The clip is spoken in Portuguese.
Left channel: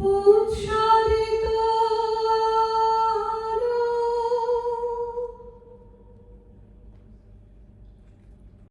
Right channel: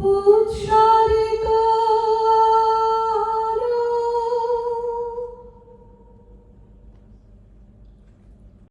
Puxa